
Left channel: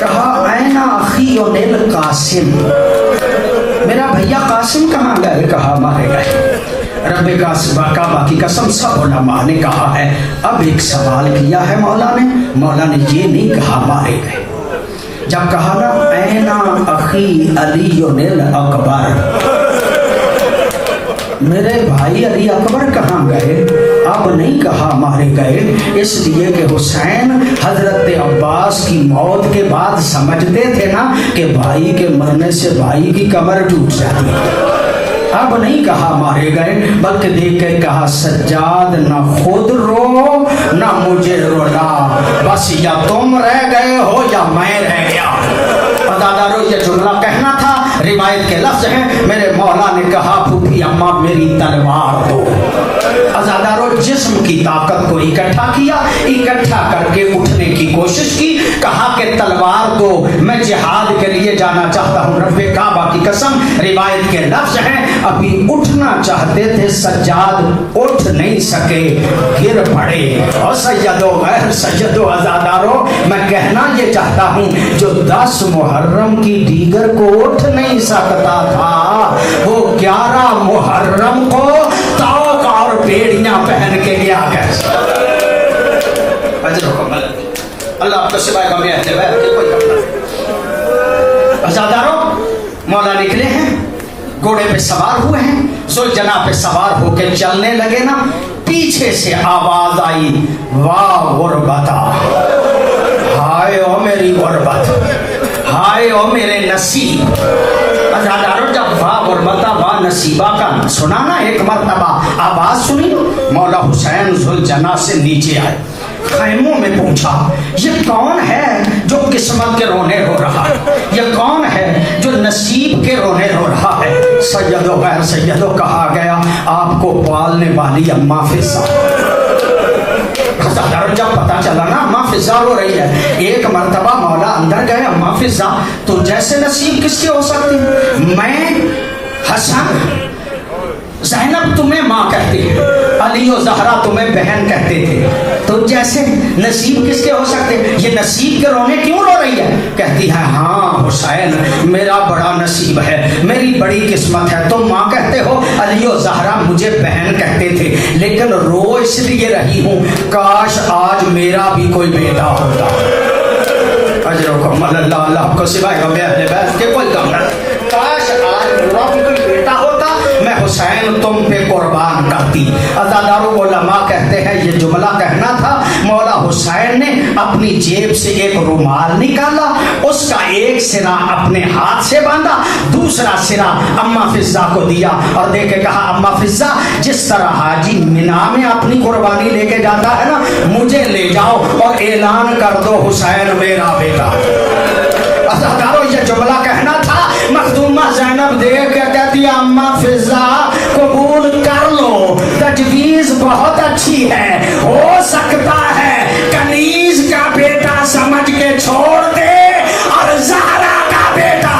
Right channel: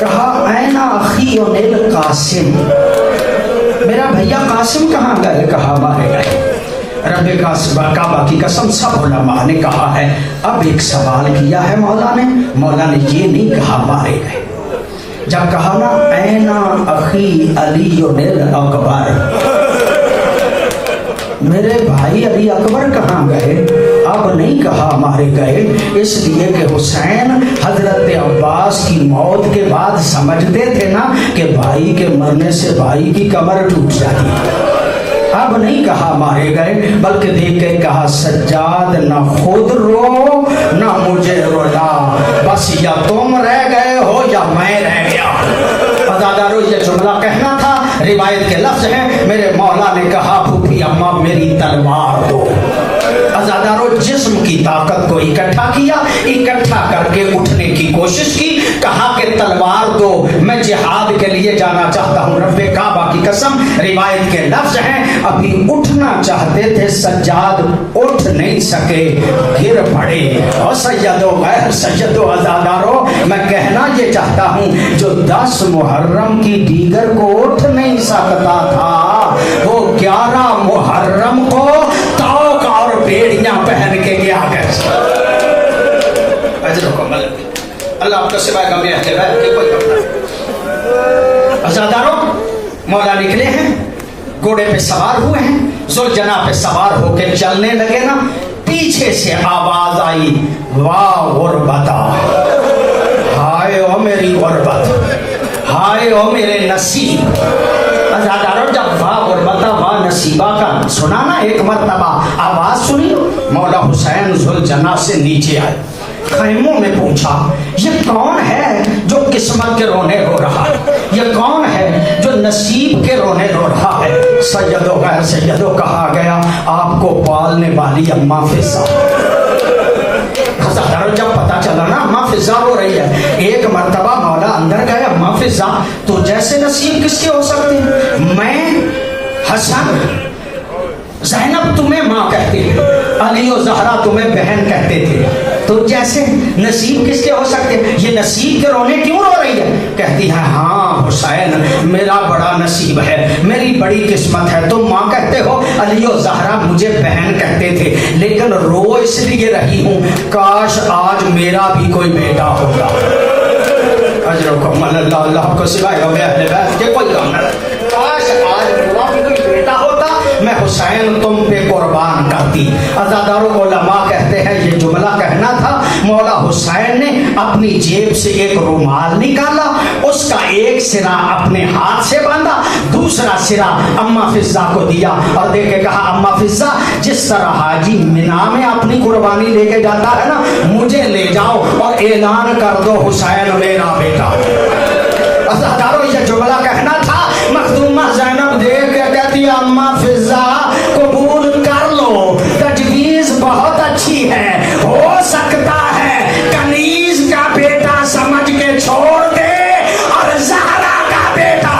کہا اینا اخی اونیل قاسم، میرا بھیا قاسم کہاں گئے؟ کہا مارے گئے۔ رب کعبہ کی قسم سب علماء نے کہا ہے اب ایک سوال کیا ہے مولا نے یہ نہیں کہا مارے گئے۔ جب کہا نا اینا اخی علی اکبر، میرے بھائی علی اکبر کہاں گئے؟ اب نہیں کہا مارے گئے، اس لیے کہ حسین حضرت عباس کی موت کے بعد سمجھتے تھے نا کہ بھائی کے مرنے سے بھائی کی کمر ٹوٹ جاتی ہے۔ اب نہیں کہا مارے گئے، بلکہ دیکھ کے کہا سجاد نہ خود رو نہ مجھے رونا، بس یا تم رہ گئے ہو یا میں رہ گیا۔ عزادارو یہ جملہ کہنا تھا، روایت کے لفظ ہیں میرے مولا نے کہا پھوپھی اماں میری تلوار دو۔ عزادارو جسم کی طاقت کو اکٹھا کیا، اکٹھا کر کے اٹھنے کی کوشش کی، کہا کہ تلوار دو میں جہاد کے لیے جانا چاہتا ہوں۔ رب کعبہ کی قسم روایت کے لفظ ہیں ابھی اٹھنا چاہتے تھے سجاد اٹھ نہیں سکے، گر پڑے۔ اور سیدو غیر سیدو عزادارو میں کہنا یہ چاہتا ہوں جو 10 محرم کی دیگر کو اٹھ نہیں سکتا تھا وہ 11 محرم کو توق اور بیڑیاں پہن کے گیا گیا۔ اللہ آپ کو سوائے غم اہل بیت کے کوئی غم نہ۔ عزادارو مولا نکلے ہیں، گھوڑے پہ سوار ہوئے ہیں، ذوالجناح پہ سوار ہو کے چلنے لگے نا، پیچھے سے آواز آئی واہ غربتا، ہائے او میری غربت، ہائے او میرے نصیب۔ عزادارو جب واہ غربتا واہ نصیبہ کا سنا نا ایک مرتبہ آواز سنی، مولا حسین ذوالجناح سے نیچے آئے، خیموں میں پوچھا یہ کون ہے جو قسمت کے رونے رو رہا ہے، یہ کون ہے جو نصیب کے رونے رو رہا ہے؟ سیدو غیر سیدو کہا گیا آپ کو پالنے والی اماں فضا۔ جب پتا چلا نا اماں فضا رو رہی ہے، ایک مرتبہ مولا اندر گئے، اماں فضا تو جیسے نصیب کس کی ہو سکتی؟ میں حسن زینب تمہیں ماں کہتی ہے، علی و زہرا تمہیں بہن کہتے تھے، تو جیسے نصیب کس کے ہو سکتے؟ یہ نصیب کے رونے کیوں رو رہی ہے؟ کہتی ہے ہاں حسین میرا بڑا نصیب ہے، میری بڑی قسمت ہے، تم ماں کہتے ہو، علی و زہرا مجھے بہن کہتے تھے، لیکن رو اس لیے رہی ہوں کاش آج میرا بھی کوئی بیٹا ہوتا۔ اللہ کو سوائے غم اہل بیت کے کوئی غم نہ، کاش آج میرا بھی کوئی بیٹا ہوتا، میں حسین تم پہ قربان کرتی۔ عزادارو علماء کہتے ہیں یہ جملہ کہنا تھا، مولا حسین نے اپنی جیب سے ایک رومال نکالا، اس کا ایک سرا اپنے ہاتھ سے باندھا، دوسرا سرا اماں فضا کو دیا اور دے کے کہا اماں فضا جس طرح حاجی مینا میں اپنی قربانی لے کے جاتا ہے نا، مجھے لے جاؤ اور اعلان کر دو حسین میرا بیٹا۔ عزادارو یہ جملہ کہنا تھا، مخدومہ زینب دے کے کہتی اماں فضا قبول کر لو، تجویز بہت اچھی ہے، ہو سکتا ہے کنیز کا بیٹا سمجھ کے چھوڑ دے اور زہرا کا بیٹا۔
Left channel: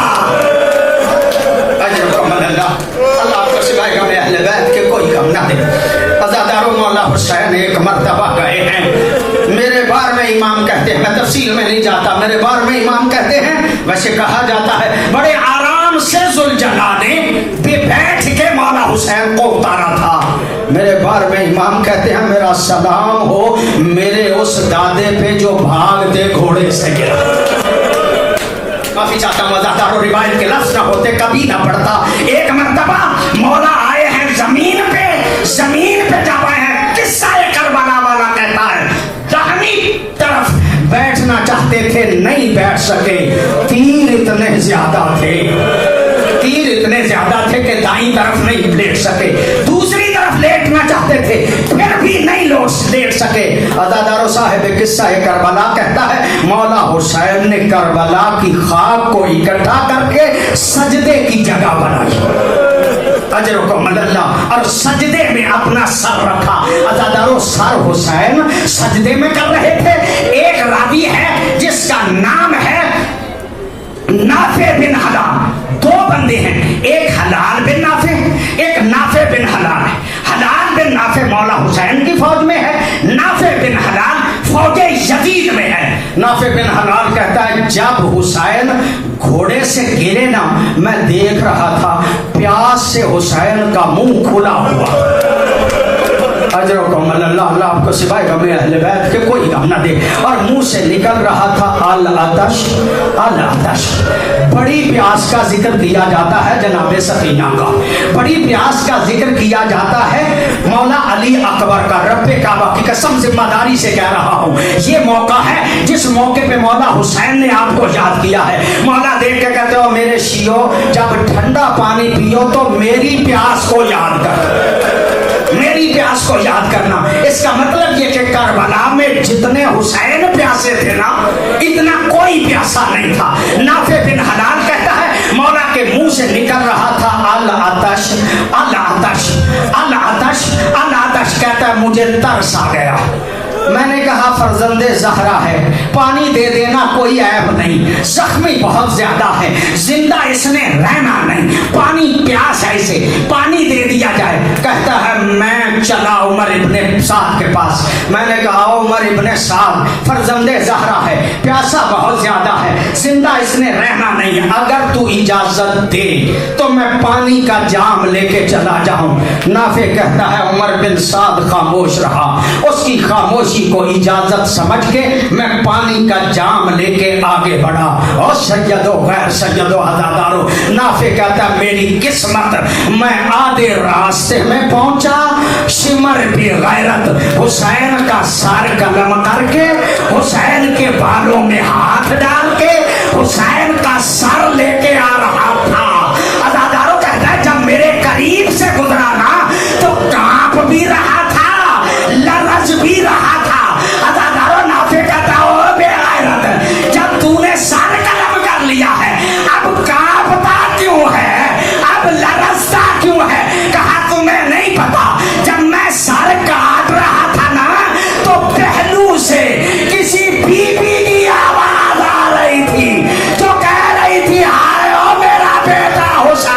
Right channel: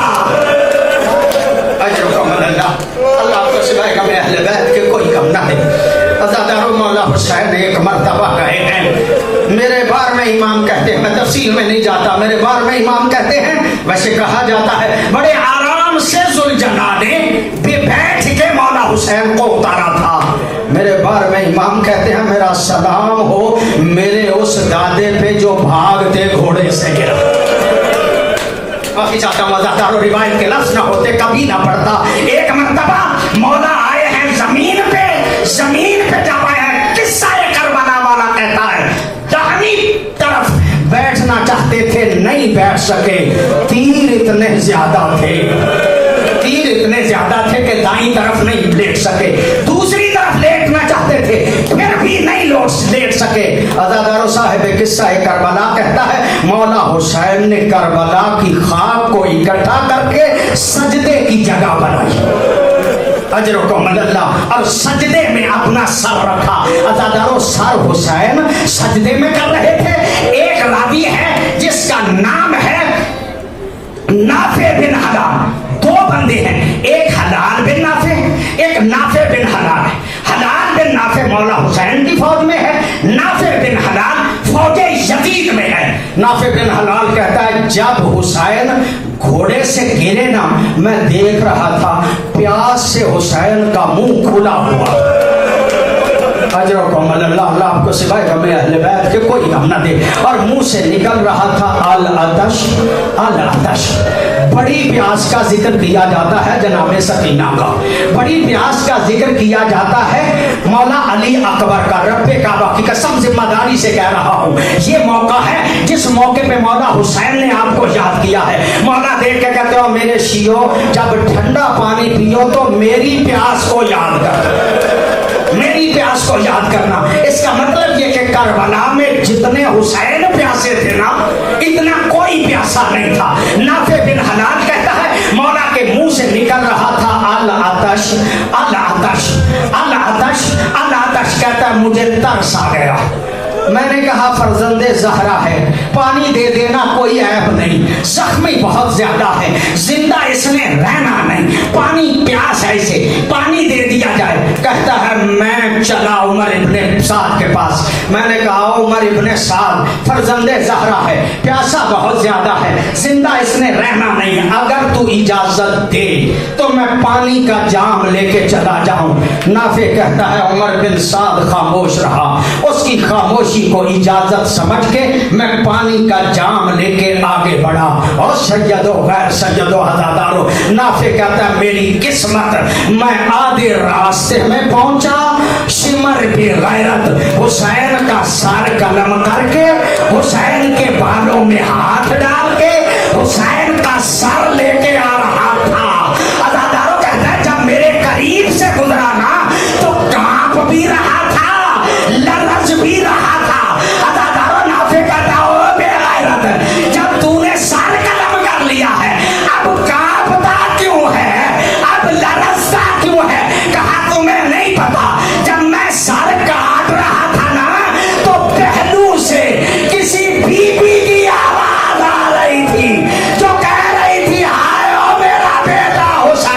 اللہ کو سوائے غم اہل بیت کے کوئی غم نہ دے۔ عزادارو مولا حسین ایک مرتبہ کہے ہیں میرے بار میں کہا جاتا ہے بڑے آرام سے ذوالجلال نے بھی بیٹھ کے مولا حسین کو اتارا تھا. میرے بار میں امام کہتے ہیں میرا سلام ہو میرے اس دادے پہ جو بھاگتے گھوڑے سے گرا. کافی چاہتا ہوں وضاحت و روایت کے لفظ نہ ہوتے کبھی نہ پڑتا. ایک مرتبہ مولا آئے ہیں زمین پہ جب آئے ہیں قصہ کربلا والا کہتا ہے دہنی طرف بیٹھنا چاہتے تھے نہیں بیٹھ سکے. تیر اتنے زیادہ تھے کہ دائیں طرف نہیں لیٹ سکے. دوسری طرف لیٹنا چاہتے تھے پھر بھی نہیں لیٹ سکے. عزادارو صاحب قصہ کربلا کہتا ہے مولا حسین نے کربلا کی خاک کو اکٹھا کر کے سجدے کی جگہ بنائی. اجرکم اللہ. اور سجدے میں اپنا سر رکھا. عزادارو سر حسین سجدے میں کر رہے تھے. ایک راوی ہے جس کا نام ہے نافع بن حلال. دو بندے ہیں ایک حلال بن نافع ایک نافع بن حلال ہے. حلال بن نافع مولا حسین کی فوج میں ہے. نافع بن حلال فوج یزید میں ہے. نافع بن حلال کہتا ہے جب حسین گھوڑے سے گرے نا میں دیکھ رہا تھا پیاس سے حسین کا منہ کھلا ہوا. اجرکم اللہ. اللہ آپ کو سوائے ہمیں اہل بیت کے کوئی غم نہ دے. اور منہ سے نکل رہا تھا العطش. بڑی پیاس کا ذکر کیا جاتا ہے جناب سکینہ کا. بڑی پیاس کا ذکر کیا جاتا ہے مولا علی اکبر کا. رب کعبہ کی قسم ذمہ داری سے کہہ رہا ہوں یہ موقع ہے جس موقع پہ مولا حسین نے آپ کو یاد کیا ہے. مولا دیکھ کے کہتے ہو میرے شیعو جب ٹھنڈا پانی پیو تو میری پیاس کو یاد کر. میری پیاس کو یاد کرنا. اس کا مطلب یہ کہ کربلا میں جتنے حسین پیاسے تھے نا اتنا کوئی پیاسا نہیں تھا. نافع بن حلال کہتا ہے مولا کے منہ سے نکل رہا تھا العطش. کہتا ہے مجھے ترس آ گیا. میں نے کہا فرزند زہرا ہے پانی دے دینا کوئی عیب نہیں. زخمی بہت زیادہ ہے زندہ اس نے رہنا نہیں. پانی پیاس ہے اسے پانی دے دیا جائے. کہتا ہے میں چلا عمر ابن سعد کے پاس. میں نے کہا عمر ابن سعد فرزند زہرا ہے پیاسا بہت زیادہ ہے زندہ اس نے رہنا نہیں. اگر تو اجازت دے تو میں پانی کا جام لے کے چلا جاؤں. نافع کہتا ہے عمر بن سعد خاموش رہا. اس کی خاموشی کو اجازت سمجھ کے میں پانی کا جام لے کے آگے بڑھا. اور سیدو غیر سیدو عزادارو نافع کہتا ہے میری قسمت میں آدھے راستے میں پہنچا. شمر بھی غیرت حسین کا سر قلم کر کے حسین کے بالوں میں ہاتھ ڈال کے حسین کا سر لے کے آ رہا تھا. عزادارو کہتا ہے جب میرے قریب سے گزرا نا تو کانپ بھی رہا تھا لرز بھی رہا تھا. عزادارو نافع کہتا ہو بے غیرت جب تو نے سر قلم کر لیا ہے اب کانپتا کیوں ہے اب لرزتا کیوں ہے. کہا تمہیں نہیں پتا جب میں سر کاٹ رہا تھا نا تو پہلو سے کسی بی بی کی آواز آ رہی تھی جو کہہ رہی تھی ہائے او میرا بیٹا حسین.